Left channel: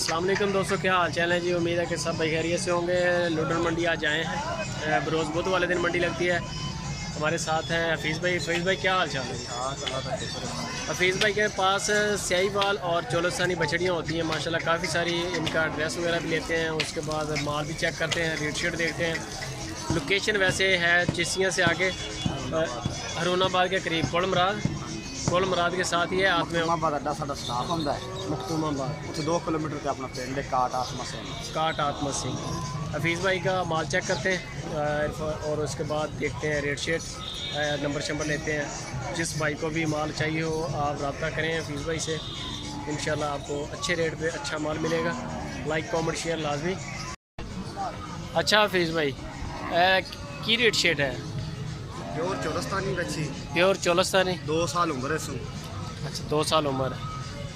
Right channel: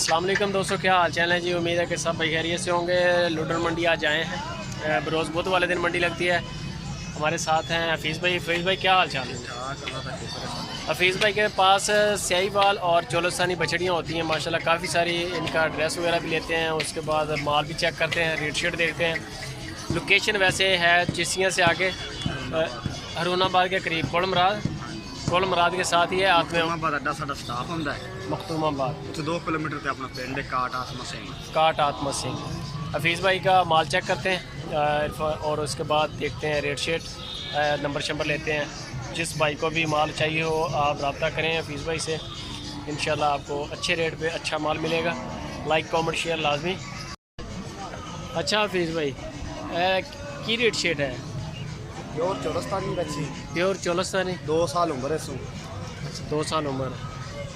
अस्सलाम वालेकुम दोस्तों, क्या हाल चाल है जी। उम्मीद है कि सब भाई खैरियत से होंगे। लुडन मंडी आज आए हैं। बरोज़ बुध वाले दिन मंडी लगती है। हमारे साथ हैं हफीज़ भाई। हफीज़ भाई क्या हाल चाल है? हफीज़ भाई के पास स्याहीवाल और चोलस्तानी बछड़ियाँ होती हैं माशाल्लाह, काफ़ी सारी। इनका ड्रेस वगैरह भी लेते हैं, उसके बाद माल भी चेक करते हैं, रेट शीट देखते हैं। लोकेशन वैसे है चिसियाँ से आगे हरुणाबाद के करीब कोल मुराद के साथ ही है। मखतूमाबाद अड्डा साडा स्टाफ होंदा है। मखतूमाबाद उत्थे 2 किलोमीटर पे अपना पिंड है काट आत्मा सिंह। हफीज़ भाई का माल चेक करते हैं और उसके बाद देखते हैं रेट शेट, नंबर शंबर लेते हैं। जिस भाई को भी माल चाहिए हो आप रब्ता करें हफीज़ भाई से, इंशाल्लाह आपको अच्छे रेट पे अच्छा माल मिलेगा। लाइक कमेंट शेयर लाजमी। अच्छा हफीज़ भाई की रेट शेट है? प्योर चोलस्तानी बच्ची, प्योर चोलस्तानी 2 साल उम्र है सू। अच्छा 2 साल उम्र है।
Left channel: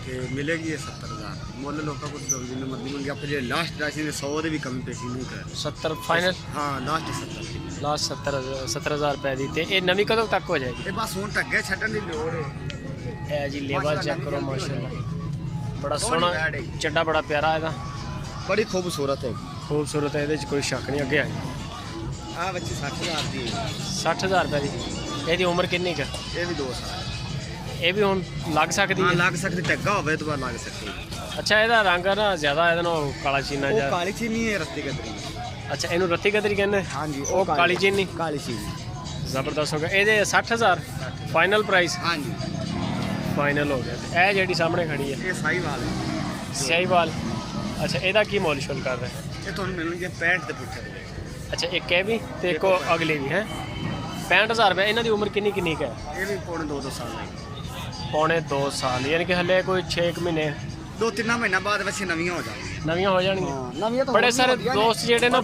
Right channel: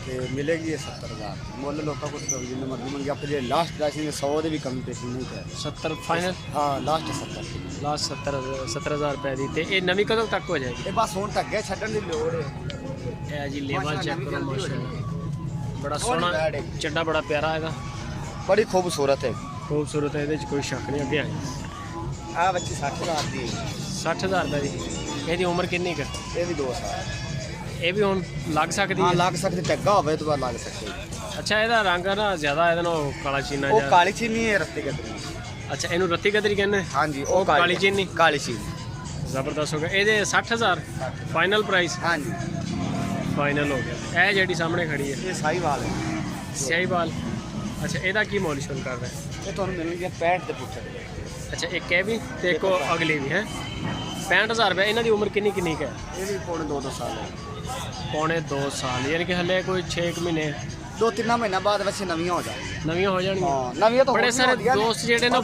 ते मिलेगी ये 70,000 मुल लोगों को तो जिन्हें मर्जी मिल गया। जो लास्ट राशि ने 100 दे भी कमी पेशी नहीं कर 70 फाइनल। हाँ लास्ट 70 लास्ट 70,000 रुपए दी। ते नवी कदों तक हो जाएगी? ये बस हुण तक छड्डण दी लोड़ है। ए जी लेवल चेक करो माशाल्लाह, बड़ा सोहना चड्डा, बड़ा प्यारा है, बड़ी खूबसूरत है। खूबसूरत है, कोई शक नहीं। अगे आई आ बच्ची 60,000 दी। 60,000 रुपए दी। ਇਹਦੀ ਉਮਰ ਕਿੰਨੀ ਕ? ਇਹ ਵੀ 2 ਸਾਲ। ਇਹ ਵੀ ਹੁਣ ਲੱਗ ਸਕਦੀ ਹੈ? ਹਾਂ ਲੱਗ ਸਕਦੀ, ਟੱਗਾ ਹੋਵੇ ਤਾਂ ਲੱਗ ਸਕਦੀ। ਅੱਛਾ ਇਹਦਾ ਰੰਗ ਨਾ ਜ਼ਿਆਦਾ ਇਹਦਾ ਨਾਲ ਕਾਲਾ ਚੀਨਾ ਉਹ ਜਿਹਾ। ਕਾਲੀ ਚੀਨੀ ਹੈ ਰੱਤੀ ਗਦਰੀ। ਅੱਛਾ ਇਹਨੂੰ ਰੱਤੀ ਗਦਰੀ ਕਹਿੰਦੇ? ਹਾਂਜੀ ਉਹ ਕਾਲੀ ਚੀਨੀ। ਕਾਲੀ ਚੀਨੀ ਜ਼ਬਰਦਸਤ ਹੋ ਗਿਆ। ਇਹਦੇ 60,000 ਫਾਈਨਲ ਪ੍ਰਾਈਸ? ਹਾਂਜੀ ਫਾਈਨਲ ਹੋ ਗਿਆ। ਤੇ ਇਹ ਜਿਹੜੀ ਸਾਹਮਣੇ ਖੜੀ ਹੈ ਇਹ ਸਾਹੀਵਾਲ ਹੈ। ਸਿਆਹੀਵਾਲ। ਅੱਛਾ ਇਹਦਾ ਕੀ ਮੁੱਲ ਸ਼ੁਲ ਕਰ ਰਿਹਾ? ਇਹ ਤੁਹਾਨੂੰ ਮਿਲਣਗੇ 65 ਦੇ ਪੁੱਠੇ ਦੇ ਵਿੱਚ। ਅੱਛਾ ਇੱਕ ਇਹ ਵੀ ਤੇ ਇੱਕ ਅਗਲੀ ਵੀ ਹੈ। 65,000 ਰੁਪਏ। ਇਹਨਾਂ ਦੀ ਉਮਰ ਕਿੰਨੀ ਕਿੰਨੀ ਹੈ? ਇਹ ਵੀ ਪੌਣੇ 2 ਸਾਲ ਹੈ। ਪੌਣੇ 2 ਸਾਲ, ਯਾਨੀ ਕਿ ਹਲੇ ਕੋਈ 6 ਮਹੀਨੇ 2-3 ਮਹੀਨਾ ਬਾਅਦ ਬੱਚੇ ਨਵੀਆਂ ਹੋ ਜਾਣਗੀਆਂ। ਨਵੀਆਂ ਹੋ ਜਾਣਗੀਆਂ। ਨਵੀਆਂ ਤਾਂ ਬੜੇ ਸਾਰੇ ਦੋਸਤ ਜਿਹੜੇ ਨਾ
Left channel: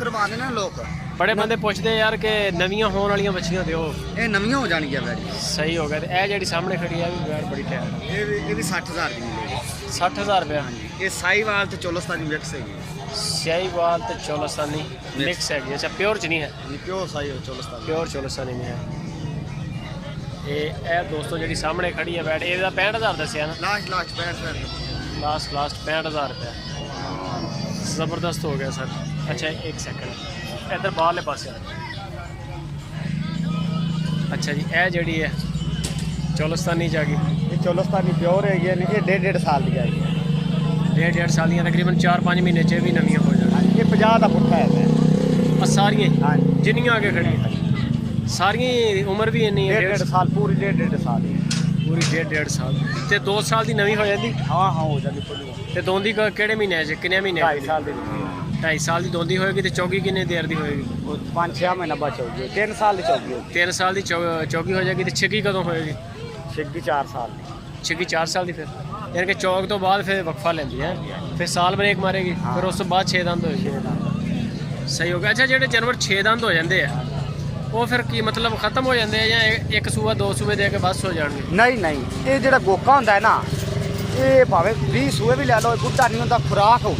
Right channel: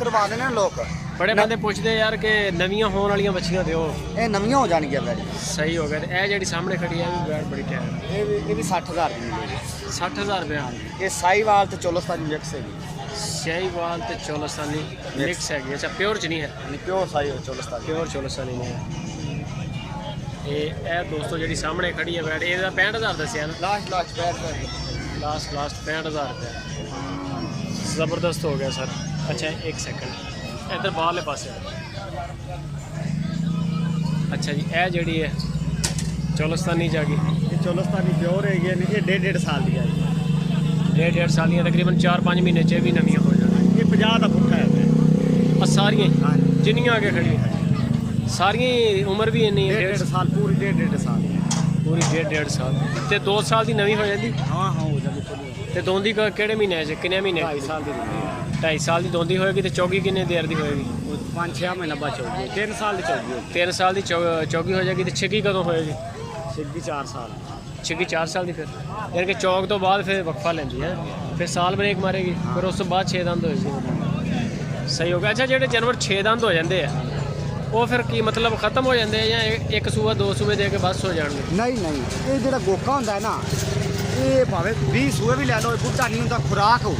ਕਰਵਾਉਂਦੇ ਨੇ ਲੋਕ, ਬੜੇ ਬੰਦੇ ਪੁੱਛਦੇ ਯਾਰ ਕਿ ਨਵੀਆਂ ਹੋਣ ਵਾਲੀਆਂ ਬੱਚੀਆਂ ਦਿਓ। ਇਹ ਨਵੀਆਂ ਹੋ ਜਾਣਗੀਆਂ ਵੈਰੀ। ਸਹੀ ਹੋ ਗਿਆ। ਤੇ ਇਹ ਜਿਹੜੀ ਸਾਹਮਣੇ ਖੜੀ ਹੈ ਇਹ ਵੀ ਬੈਠ ਬੜੀ ਟਾਇਰ ਹੈ। ਇਹ ਵੀ 60,000 ਦੀ ਮਿਲੇਗੀ। 60,000 ਰੁਪਏ। ਇਹ ਸਾਹੀਵਾਲ ਤੇ ਚੋਲਸਤਾਨੀ ਮਿਕਸ ਹੈਗੀ। ਸਿਆਹੀਵਾਲ ਤੇ ਚੋਲਸਤਾਨੀ ਮਿਕਸ ਹੈਗੀ। ਅੱਛਾ ਪਿਓਰ ਚ ਨਹੀਂ ਹੈ? ਪਿਓਰ ਸਾਹੀ ਚੋਲਸਤਾਨੀ, ਪਿਓਰ ਚੋਲਸਤਾਨੀ ਨਹੀਂ ਹੈ। ਇਹ ਦੋਸਤੋ ਜਿਹੜੀ ਸਾਹਮਣੇ ਖੜੀ ਹੈ ਬੈਠ, ਇਹਦਾ 65,000 ਦੱਸਿਆ ਨਾ? ਲਾਸਟ 65,000। ਲਾਸਟ 65,000 ਰੁਪਏ। ਜ਼ਬਰਦਸਤ ਹੋ ਗਿਆ ਸਰ। ਅੱਛਾ ਇੱਕ ਸੈਕਿੰਡ ਇੱਧਰ ਬਾਹਰਲੇ ਪਾਸੇ। ਅੱਛਾ ਜੀ ਇਹ ਜਿਹੜੀ ਹੈ ਚੋਲਸਤਾਨੀ ਚ ਆ ਗਈ। ਇਹ ਚੋਲਸਤਾਨੀ ਪਿਓਰ ਹੈਗੀ। ਇਹ 1.5 ਸਾਲ ਦੀ ਹੈਗੀ। 1.5 ਸਾਲ ਦੀਆਂ ਤਕਰੀਬਨ 4-5 ਮਹੀਨੇ ਚ ਵੀ ਨਵੀਆਂ ਹੋ ਜਾਣੀਆਂ। ਇਹ 50 ਦਾ ਪੁੱਠਾ ਹੈ। ਆ ਸਾਰੀਆਂ ਹਾਂਜੀ ਜਿੰਨੀਆਂ ਅੱਗੇ ਖੜੀਆਂ ਸਾਰੀਆਂ ਉਮਰ ਵੀ ਇੰਨੀ ਹੈ? 1.5 ਸਾਲ ਪੂਰੀ 1.5 ਸਾਲ ਪੂਰੀ 1.5 ਸਾਲ। ਤੇ 2 ਸਾਲ ਦੀ ਨਵੀਂ ਹੋ ਜਾਂਦੀ? ਹਾਂ ਹੋ ਜਾਂਦੀ ਪੂਰੀ। ਤੇ ਦੋਂਦੀ ਕਿਹੜੇ ਮਹੀਨੇ ਚ, ਕਿੰਨੇ ਮਹੀਨੇ? 2.5 ਸਾਲ ਦੀ 2.5 ਸਾਲ ਦੀ ਦੋਂਦੀ ਹੋਏਗੀ। ਤੇ ਚੌਗੀ ਕਿੰਨੇ ਦੇਰ ਦੀ ਹੋਏਗੀ? 5-6 ਮਹੀਨਾ ਬਾਅਦ ਚੌਗੀ। 3 ਸਾਲ ਦੀ ਚੌਗੀ ਹੋਗੀ। 3 ਸਾਲ ਦੀ ਚੌਗੀ ਹੋ ਜਾਏਗੀ। ਤੇ ਛਿੱਗੀ ਕਦੋਂ ਹੋਏਗੀ? ਛਿੱਗੀ 4 ਸਾਲ। ਛਿੱਗੀ 4 ਸਾਲ ਦੀ। ਫਿਰ ਯਾਨੀ ਕਿ ਚੌਕ ਤੋਂ ਬਾਅਦ ਫਿਰ ਵਕਫਾ ਲੈਂਦੀ ਹੈ, ਫਿਰ ਸਾਲ ਬ੍ਰੇਕ ਮਾਰੇਗੀ, ਫਿਰ ਉਸ ਤੋਂ ਬਾਅਦ 6 ਦੰਦ ਹੋਏਗੀ। ਸਹੀ ਹੋ ਗਿਆ। ਅੱਛਾ ਜਿਹੜੇ ਜਾਨਵਰ 6 ਦੰਦ ਹੋ ਜਾਂਦੇ ਆ ਉਹ ਫਿਰ ਕੀ ਮਤਲਬ ਖਤਮ ਹੋ ਜਾਂਦੇ ਆ ਜਾਂ ਇੱਕ ਸੂਆ 2 ਸੂਏ ਦੇ ਕੇ ਬਸ ਹੋ ਜਾਣਗੇ? ਨਹੀਂ ਇਹ ਜਿਹੜਾ ਗੋਪਾ ਹੁੰਦਾ ਹੈ ਨਾ, ਇਹ ਭਾਵੇਂ 20 ਸੂਏ ਵੀ ਲੈ ਲਓ, ਬੁੱਢਾ ਨਹੀਂ ਹੁੰਦਾ, ਖੁਰਾਕ ਹੋਊ।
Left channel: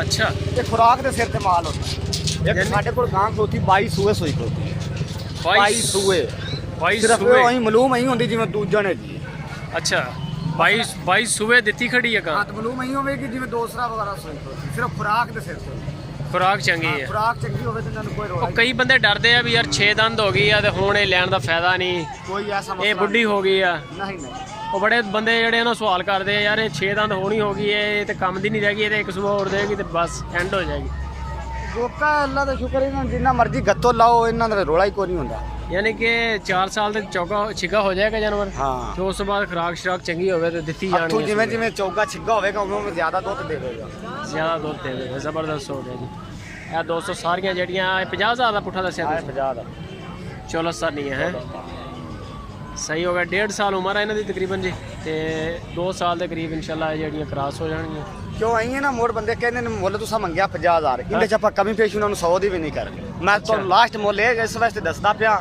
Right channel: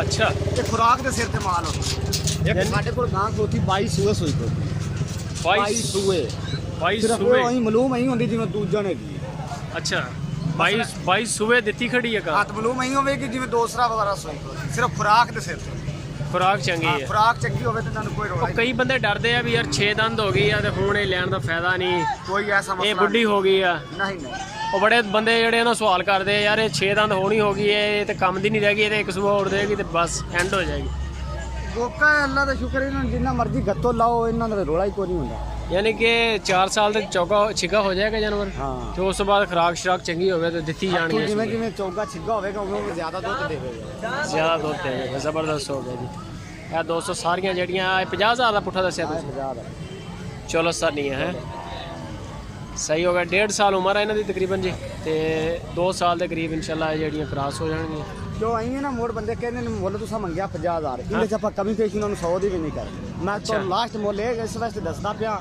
ਅੱਛਾ ਇਹ ਖੁਰਾਕ ਦੇ ਸਿਰ ਤੇ ਮਾਲ ਹੁੰਦਾ। ਸਾਡੇ ਕੋਲ ਗਾਂ ਕੋਤੀ 22 ਸੂਏ ਸੋਈ ਕੋ 22 ਸੂਏ 22 ਸੂਏ ਉਹੀ ਮਲੂਮ ਹੀ ਹੁੰਦੀ ਜਿਵੇਂ ਦੂਜਣ ਹੈਗੀ। ਅੱਛਾ 22 ਸੂਏ ਦਿੱਤੀ ਖੜੀ ਹੈ ਗਾਂ। ਹੱਥ ਮਲੂਮ ਹੀ ਹੋਵੇਗੀ ਜਿਵੇਂ ਦੂਸਰਾ ਵਗੈਰਾ ਸੋਈ ਕੋ, ਸਿਰਫ ਖੁਰਾਕ ਦੇ ਸਿਰ ਤੇ। ਖੁਰਾਕ ਚੰਗੀ ਹੈ। ਖੁਰਾਕ ਚੰਗੀ ਹੋਵੇ ਤੇ ਤੁਹਾਨੂੰ ਕੋਈ ਰੋਲਾ। ਕਈ ਬੰਦੇ ਡਰਦੇ ਆ ਵੀ ਯਾਰ 6 ਦੰਦ ਹੋ ਗਈ ਆ ਤੇ ਹੁਣ ਇਹ ਲੈਣ ਦਾ ਫਾਇਦਾ ਨਹੀਂ, ਕੋਈ ਐਸਾ ਮਸਲਾ ਇਹ ਬੁੱਢੀ ਹੋ ਗਈ ਆ। ਨਹੀਂ ਉਹ ਬੜੇ ਬੰਦੇ ਜਿਹੜੇ ਉਹਨਾਂ ਸਵਾਲ ਕਰਦੇ ਆ ਯਾਰ ਇਹ 6 ਦੰਦ ਹੋਣੀ ਹੋ ਗਈ, ਇਹ ਤੇ ਕੰਮ ਦੀ ਨਹੀਂ ਰਹਿ ਗਈ, ਇਹ ਤੇ ਇੱਕ ਸੂਆ ਹੋਰ ਦੇਗੀ ਤੇ ਬਸ ਐਂਡ ਹੋ ਜਾਏਗੀ। ਗੋਕਾ ਅੱਲਾ ਦਾ ਸ਼ੁਕਰ, ਇਹਨਾਂ ਨੂੰ ਜਿੰਨਾ ਮਰਜ਼ੀ ਗੱਤੋਂ ਲਾਓ ਇਹਨਾਂ ਦਾ ਰੋਲਾ ਹੀ ਕੋਈ ਨਹੀਂ ਹੁੰਦਾ। ਯਾਨੀ ਕਿ 4 ਸਾਲ ਤੱਕ ਚੌਗਾ ਛਿੱਗਾ ਹੋ ਜਾਏਗਾ ਜਾਨਵਰ। ਹਾਂ ਤੇ ਉਸ ਤੋਂ ਬਾਅਦ ਖੁਰਾਕ ਸ਼ਰਾਕ ਚੰਗੀ ਹੋਵੇ ਤੇ ਦਿੱਤੀ ਜਾਣੀ ਹੈ। ਜਿਵੇਂ ਜਿਵੇਂ ਚੌਗਾ ਛਿੱਗਾ ਹੋਵੇਗਾ ਉਹਨੂੰ ਜ਼ਿਆਦਾ ਦੁੱਧ ਦੇਵੇਗਾ। ਜ਼ਿਆਦਾ ਦੁੱਧ ਦੇਵੇਗਾ। ਜ਼ਬਰਦਸਤ ਹੋ ਗਿਆ ਜੀ। ਇਹ ਦੋਸਤੋ ਸਾਰੀਆਂ ਜਿਹੜੀਆਂ 50,000 ਦਾ ਪੁੱਠਾ ਦੱਸਿਆ ਤੁਸੀਂ? 50 ਦਾ ਚੋਲਸਤਾਨੀ ਹੈ। ਸਹੀ ਹੋ ਗਿਆ। 1.5 ਸਾਲ ਉਮਰ ਹੈ ਇਹਨਾਂ ਦੀ ਤਕਰੀਬਨ ਜੀ, ਤੇ 2 ਸਾਲ ਦੇ ਕਰੀਬ ਇਨਸ਼ਾਅੱਲਾ ਇਹ ਜਿਹੜੀਆਂ ਕ੍ਰਾਸ ਹੋ ਜਾਣਗੀਆਂ। ਕਿਉਂ ਆਈ ਹੈ ਨਾ ਮੋੜ ਬੰਦੇ ਕਹਿੰਦੇ ਨੇ ਮੁੱਲ ਤੁਸੀਂ ਮੰਗਿਆ 50,000, ਇਹਦੇ ਚ ਆਪਾਂ ਕਮੀ ਪੇਸ਼ ਉਹਨਾਂ ਨੂੰ 100 ਦੀ ਵੀ ਨਹੀਂ ਕਰਨੀ। ਮੈਂ ਤਾਂ ਲਾਸਟ ਮੁੱਲ ਇਹ ਇਸ ਵਾਸਤੇ ਦੱਸਦਾ ਪਿਆ,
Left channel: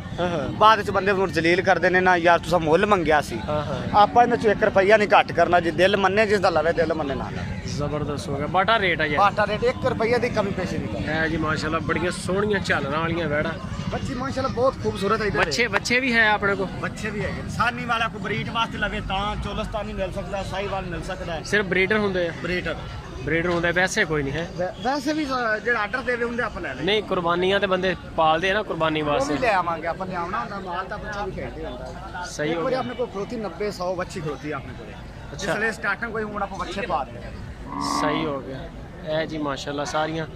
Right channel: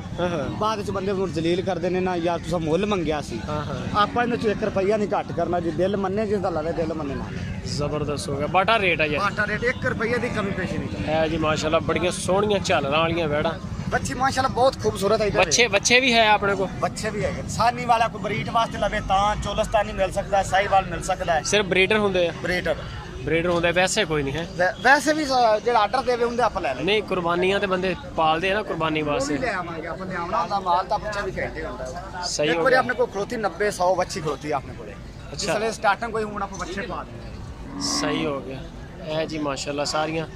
ਬਾਅਦ ਵਿੱਚ ਬੰਦੇ ਨੂੰ ਜਲੀਲ ਕਰਦੇ ਨੇ ਨਾ ਯਾਰ ਤੁਸੀਂ ਮੁੱਲ ਮੰਗਿਆ ਸੀ। ਆਪਾਂ ਇਹਨਾਂ ਚ 1 ਰੁਪਈਆ ਨਹੀਂ ਘੱਟ ਕਰਨਾ। ਜੇ ਦਿਲ ਮੰਨੇ ਜਿਸ ਦਾ ਲਵੇ, ਦਿਲ ਮੰਨੇ ਨਾ। ਜ਼ਬਰਦਸਤ ਹੋ ਗਿਆ। ਬਾਟਾ ਰੇਟ ਹੈ ਯਾਰ। ਬਾਟਾ ਰੇਟ 1 ਰੁਪਈਆ ਦੀ ਕਮੀ ਪੇਸ਼ ਨਹੀਂ ਕਰਨੀ ਹੈ ਜੀ। ਮਾਸ਼ਾਅੱਲਾ ਬੜੀਆਂ ਸੋਹਣੀਆਂ ਝਾਲਰਾਂ ਵਾਲੀਆਂ ਵੈੜਾਂ। ਬੱਚੀ ਮਾਸ਼ਾਅੱਲਾ ਬਹੁਤ ਖੂਬਸੂਰਤ ਹੈ। ਬੱਚੇ ਵੀ ਹੈ ਆਪਣੇ ਕੋਲ? ਬੱਚੇ ਵੀ ਹੈਗੇ। ਸਾਨੀ ਵਾਲਾ ਕੋਈ ਬਰੀਡ ਵਾਸਤੇ ਲਵੇ ਤਾਂ ਚੋਲਸਤਾਨੀ ਮਿਲ ਸਕਦਾ ਹੈ, ਸਾਹੀਵਾਲ ਮਿਲ ਸਕਦਾ ਹੈ। ਸਿਰਫ ਬਰੀਡਰ ਹੁੰਦੇ ਆ? ਬਰੀਡਰ ਬਰੀਡਰ ਹੁੰਦੇ ਵੈਸੇ ਕੋਈ ਨਹੀਂ ਹੈ ਵੈਸੇ ਵੀ ਜਿਹੜਾ ਆਰਡਰ ਦੇਵੇ ਹੁੰਦੇ ਆਪਾਂ ਲੈ ਲੈ ਨਹੀਂ ਕੁਰਬਾਨੀਆਂ ਤੇ ਬੰਦੇ ਪਾਲਦੇ ਆ ਨਾ ਕੁਰਬਾਨੀ ਉਹ ਵੀ ਵਾਸਤੇ ਲੈ ਆਵਾਂਗੇ ਆਪਾਂ ਲਿਆਉਣਾ ਹੁੰਦਾ ਮਾਲ ਤਾਂ ਬੱਚਾ ਵੀ ਖੇਡਦੇ ਹੁੰਦਾ ਸਹੀ ਹੋ ਇੱਕ ਵਾਰੀ ਗਿਆ ਆਪਣੇ ਕੋਲ ਖਲੋਤੀ 90 100 ਬੱਚੀ ਖਲੋਤੀ ਆਪਣੇ ਕੋਲ ਅੱਛਾ। ਜਿਸਲੇ ਸਟਾਰਟਿੰਗ ਕੋਈ ਹੁਣ ਆਪਾਂ ਬੱਚੇ ਪਾ ਦਿੰਦੇ ਸਹੀ ਹੋ ਗਿਆ ਇਹ ਜੀ ਮਾਸ਼ਾਅੱਲਾ ਸਾਰੀਆਂ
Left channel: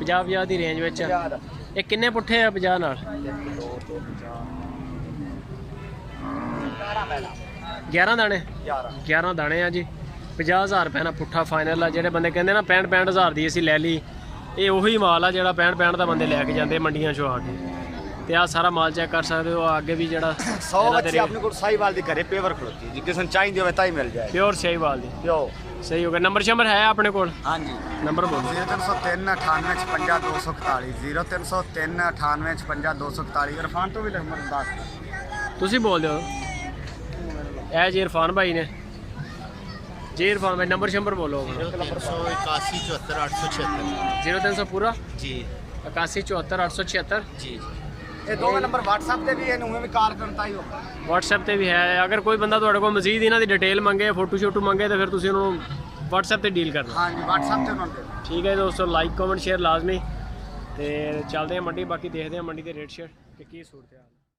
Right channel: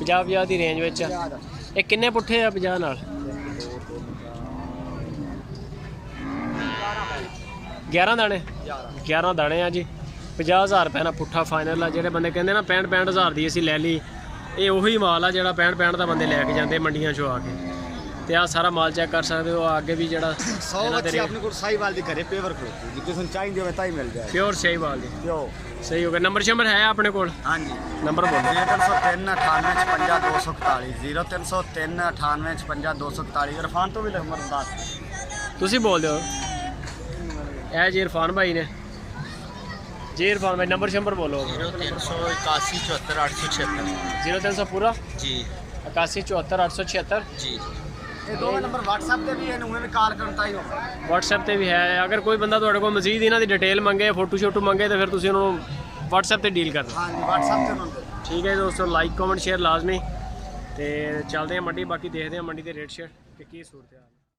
50 ਦੀ ਰੇਂਜ ਵਿੱਚ ਆ। ਇਹ ਕਿੰਨੇ ਪੁੱਠੇ ਆ 50 ਨਾਲ 11 ਦਾਣੇ 11 ਦਾਣੇ ਆ ਜੀ 50,000 ਰੁਪਏ ਨਾਲ ਪੁੱਠਾ ਫਾਈਨਲ ਆ। ਜਿਹੜੇ ਬੰਦੇ ਕਹਿੰਦੇ ਨਾ 65,000 ਦੀ ਅਸੀਂ ਲੈ ਲਈ ਇਹ ਉਹੀ ਮਾਲ ਆ ਜਿਹੜਾ 65 ਦਾ ਬੰਦੇ ਲੈ ਕੇ ਜਾਂਦੇ ਮੰਡੀਆਂ 'ਚੋਂ ਆ ਕੇ। ਤੇ ਆ ਸਾਰਾ ਮਾਲ ਚੈੱਕ ਕਰ ਸਕਦੇ ਹੋ ਅੱਗੇ ਵੀ ਜਿਹੜਾ ਇਹਨਾਂ ਦੇ ਆਪਣੇ ਕੋਲ ਸਾਈਵਾਲ ਦੀ ਘਰੇ ਪੇਵਰ ਖਲੋਤੀ ਜੀ ਕਿਸੇ ਨੂੰ ਚਾਹੀਦੀ ਹੋਵੇ ਤਾਂ ਹੀ ਮਿਲ ਜਾਏ ਪਿਓਰ ਸ਼ਾਹੀਵਾਲ ਦੀ ਜੋ ਸਹੀ ਹੋ ਗਿਆ। ਨੰਬਰ ਸ਼ੰਬਰ ਹੈ ਆਪਣੇ ਕੋਲ ਹਾਂਜੀ ਨੰਬਰ ਬੋਲੋ 0303 98 241 0303 98 241 ਇਰਫਾਨ ਤੋਂ ਵੀ ਨੰਬਰ ਦੱਸ ਤੁਸੀਂ ਬੋਲ ਦਿਓ ਇਹ ਜੀ ਇਰਫਾਨ ਭਾਈ ਨੇ ਜੀ ਇਰਫਾਨ ਭਾਈ ਨੰਬਰ ਸ਼ੰਬਰ ਬੋਲੋ 0381 74 876 0300 ਪੂਰਾ ਜੀ 81 74 876 ਜੀ ਇਹ ਦੋਵੇਂ ਨੰਬਰ WhatsApp ਤੇ ਵੀ ਇਹਨੂੰ ਵੀ ਕਾਲ ਕਰਨ ਤਾਂ ਹੀ ਹੋ WhatsApp ਤੇ ਵੀ ਹੈ। ਅਗਰ ਕੋਈ ਬੰਦਾ ਤੁਹਾਡੇ ਕੋਲ ਮਜ਼ੀਦ ਇਹਨਾਂ ਦੀ ਡਿਟੇਲ ਮੰਗੇ ਫੋਟੋ ਸ਼ੋਟੋ ਮੰਗੇ ਤਾਂ ਫਿਰ ਤੁਸੀਂ ਉਹਨਾਂ ਨੂੰ WhatsApp ਤੇ ਡੀਲ ਕਰਨਾ। ਹਾਂਜੀ WhatsApp ਤੇ ਉਹਨਾਂ ਨੂੰ ਦੇ ਠੀਕ ਹੈ ਦੋਸਤੋ ਲਾਈਕ ਕਮੈਂਟ ਸ਼ੇਅਰ ਲਾਜ਼ਮੀ ਤੇ ਚੱਲਦੇ ਹਾਂ ਮੰਡੀ ਬਾਕੀ ਦੇਖਦੇ ਹਾਂ ਮੰਡੀ ਦੇ ਰੇਟ ਸ਼ੇਅਰ ਕਿ ਕੀ ਸੂਰਤ ਹਾਲ।